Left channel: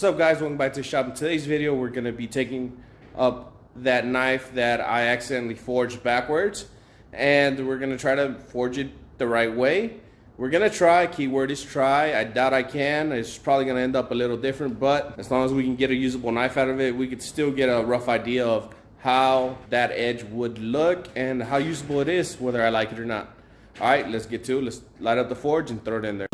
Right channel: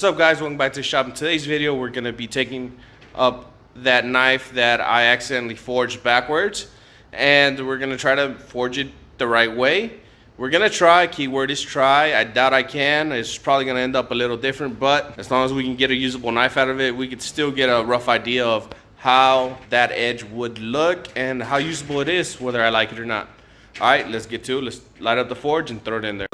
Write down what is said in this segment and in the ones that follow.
What's up, guys? Welcome back to the shop. In today's video, we're going to be taking up that knife that I accidentally forged backwards, and we're going to try to forge it the right way. We're going to try. Keyword is try. I doubt I can. It's probably going to end up a little different, but as long as we can get a usable knife out of it, we could still get a rough idea of how that edge would look and how usable it is, whether I like it or not. All right, let's get to it. Let's light up the forge and throw it in there.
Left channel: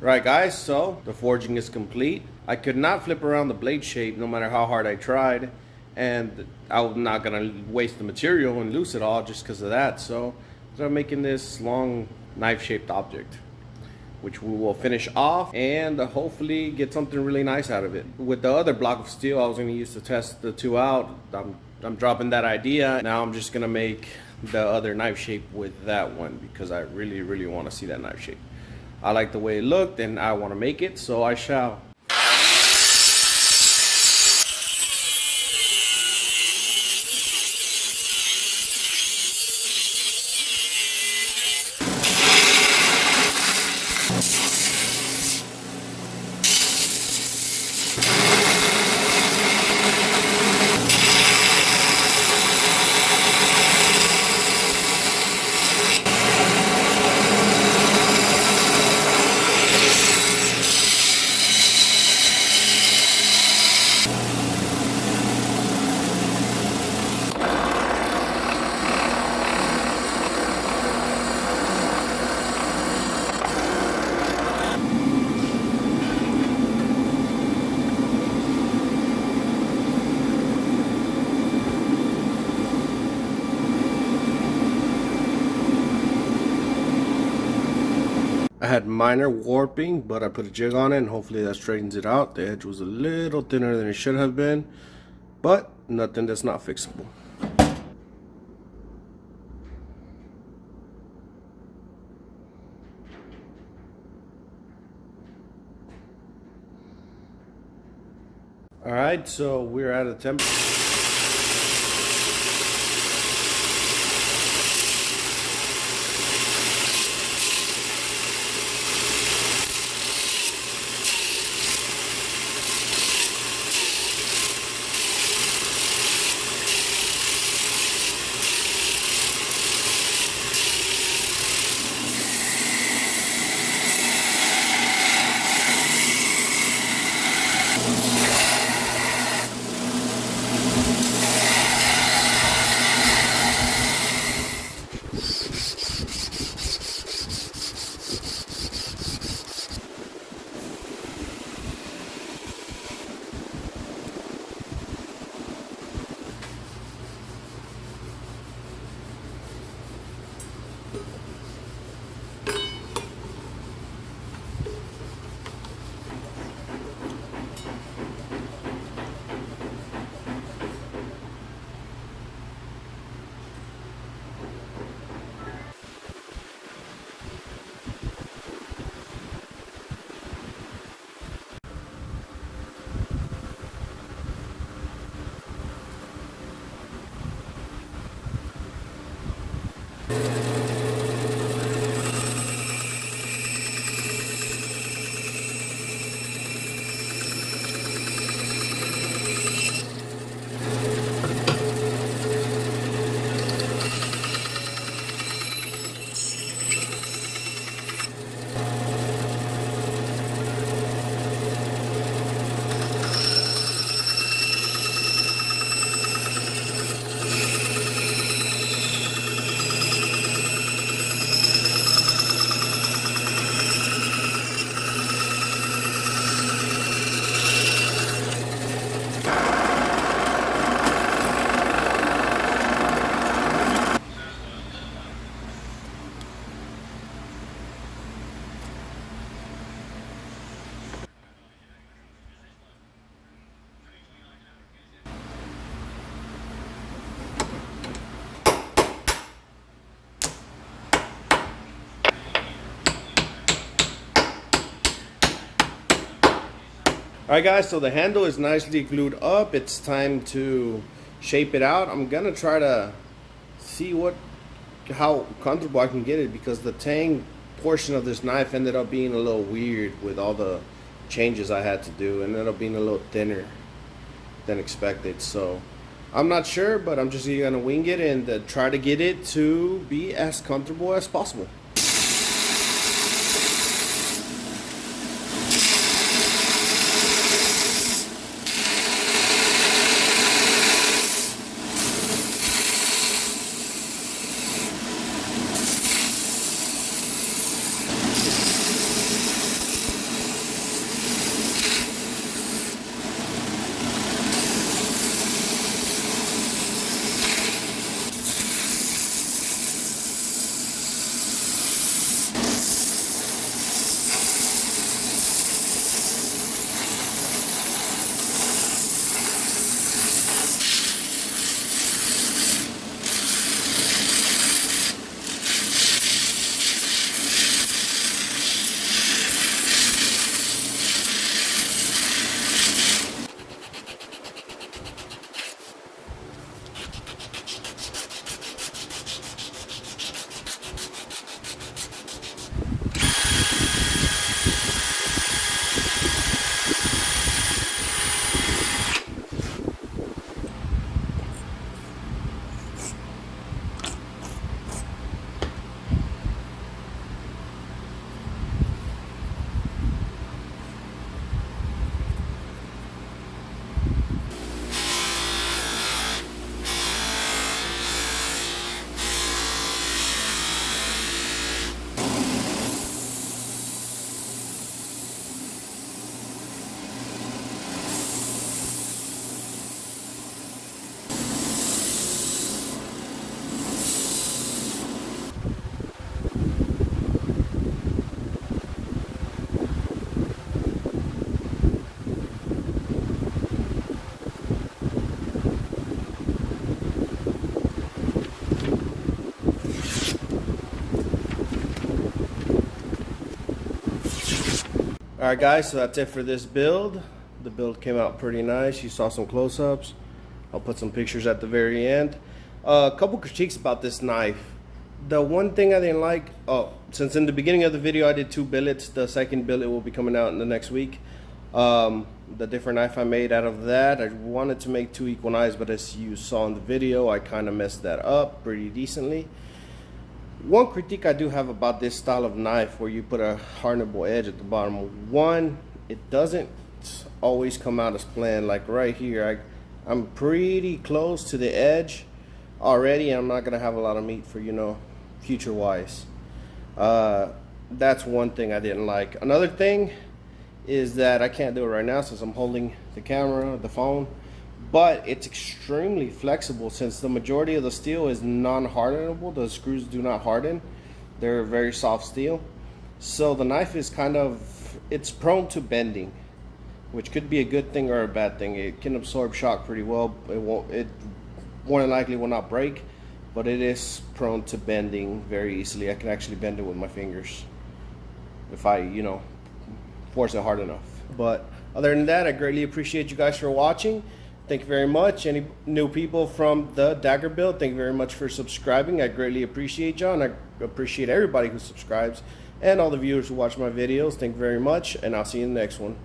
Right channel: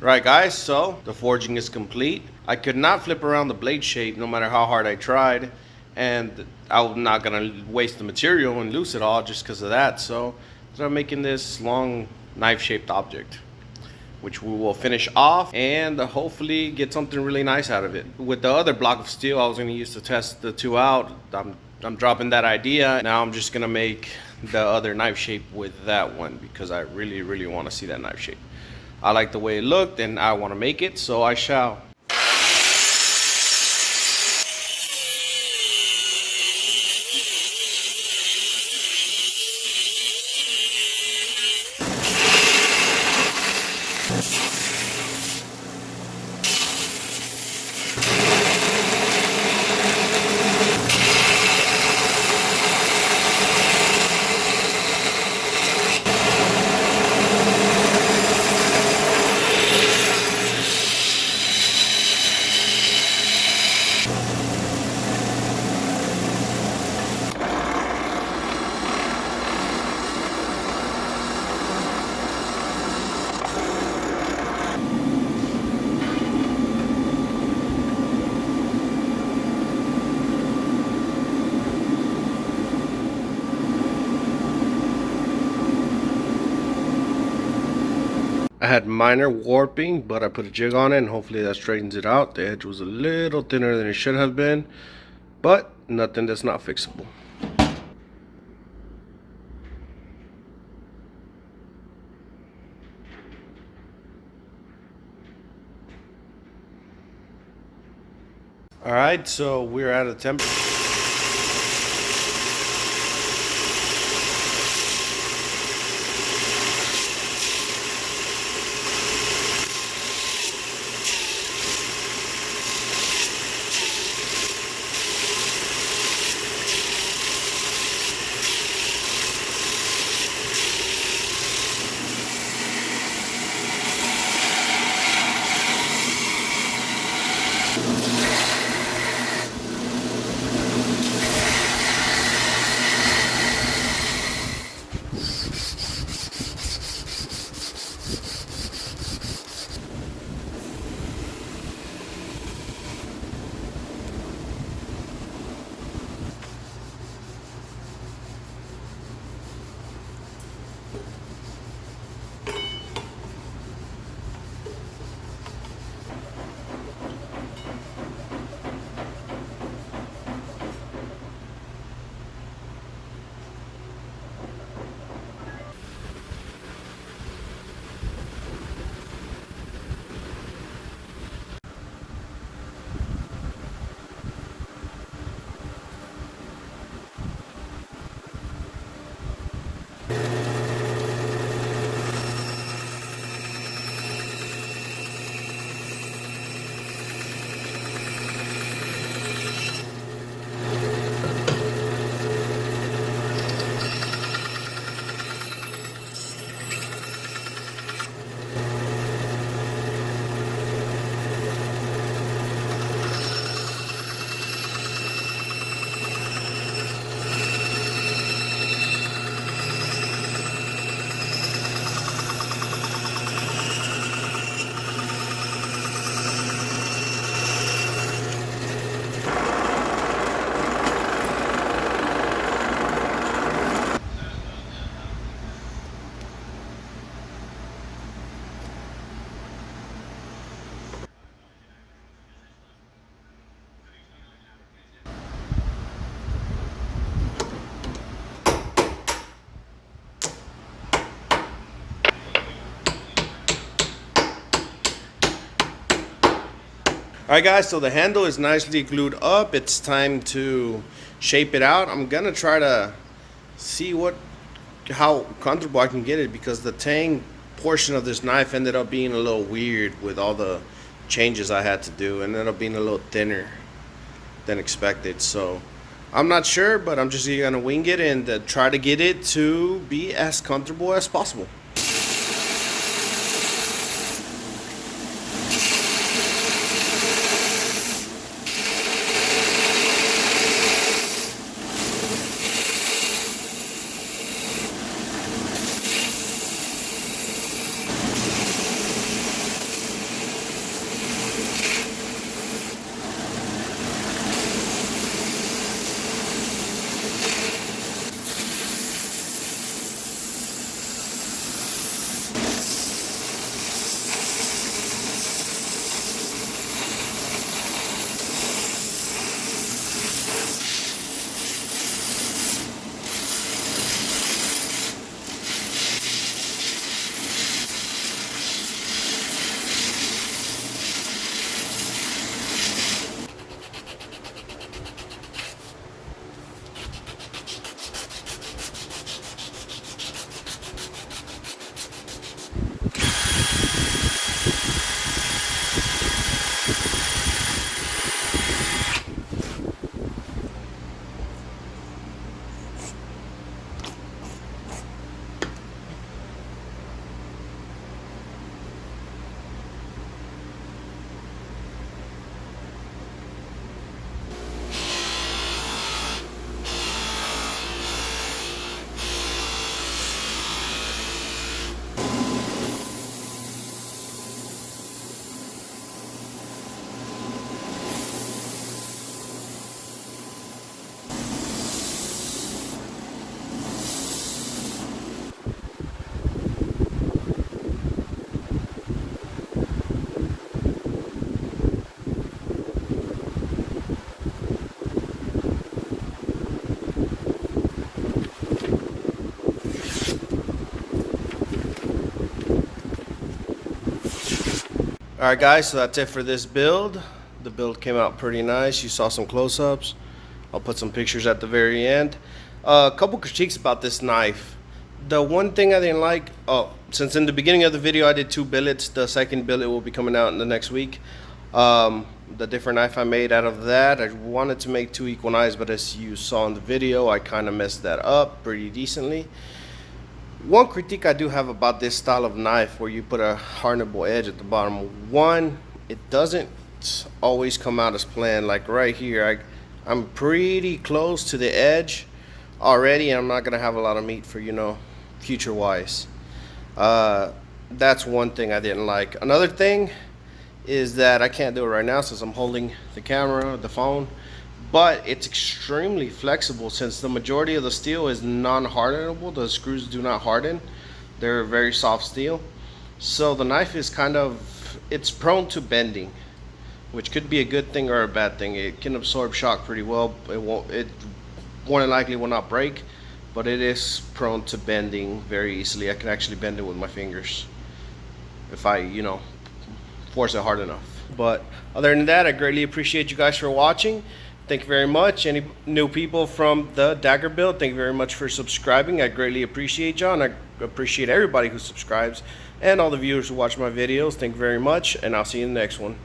Right, guys, so the forging is complete. I could not flip around the blade shape no matter how hard I tried, and I'm not gonna waste the material and lose it all just because of that. So I'm making this long knife shaped object, which we will finish off and hopefully get something really nice out of it. With the other block of steel I was gonna use to test the two out, I'm dropping that idea. Now I'm just gonna make the other knife shape with that one because I really want to see that knife shape. I like the way it looked and I want to make it, so I shall. I had minor warping, but I put a jig on it and hopefully that straightens it out. The edge was a little thinner than it should have been, but nothing that's not fixable. Alright, so we're at a temp. Alright guys, so the handle is nicely glued up. It's time to shape it out. I'm gonna try to see how comfortable I can get it, because the tang portion of this knife ended up being a little weird with all the changes I had to do, and ended up being a little thinner than expected. So I'm not sure, but I'm just gonna wing it and try to get it to be as comfortable as possible. Alright guys, so that's it for this build. The build came out pretty nice. You saw some close-ups. I'll put some pictures at the very end. A couple critiques about this knife. The one thing I didn't like, since in the beginning of the video I did 2 billets, the second billet will be coming out in the next week. The different knife I made out of that, I wanted to make 2 equal knives, but as you saw in the video, I kind of messed that up pretty decently. One critique I do have about this style of knife, where you put a hardenable edge at the bottom, one, it doesn't always come out as planned. Like right here, I'm pretty close to the edge already, and I'm not gonna have a lot of meat for, future wise. That's one thing I didn't like. Another thing is that I can't do it right now since I'm holding the camera, the phone, but it's extremely flexible since the majority of the steel is non-hardenable. The screws do not harden. They're very soft steel. So the knife is it's prone to bending, which could be a good thing or a bad thing. It can absorb shock pretty well. It more than likely will not break, but it is prone to bending very easily. I can actually bend it with my fingers if I, force it hard enough. But other than that, I greatly appreciate you guys for watching. Thank you very much. Any new people from the Dagger build, thank you very much for subscribing. I greatly appreciate y'all, and I appreciate everybody who subscribes, and all the viewers who watch my videos. Thank you very much, and I'll see you in the next one.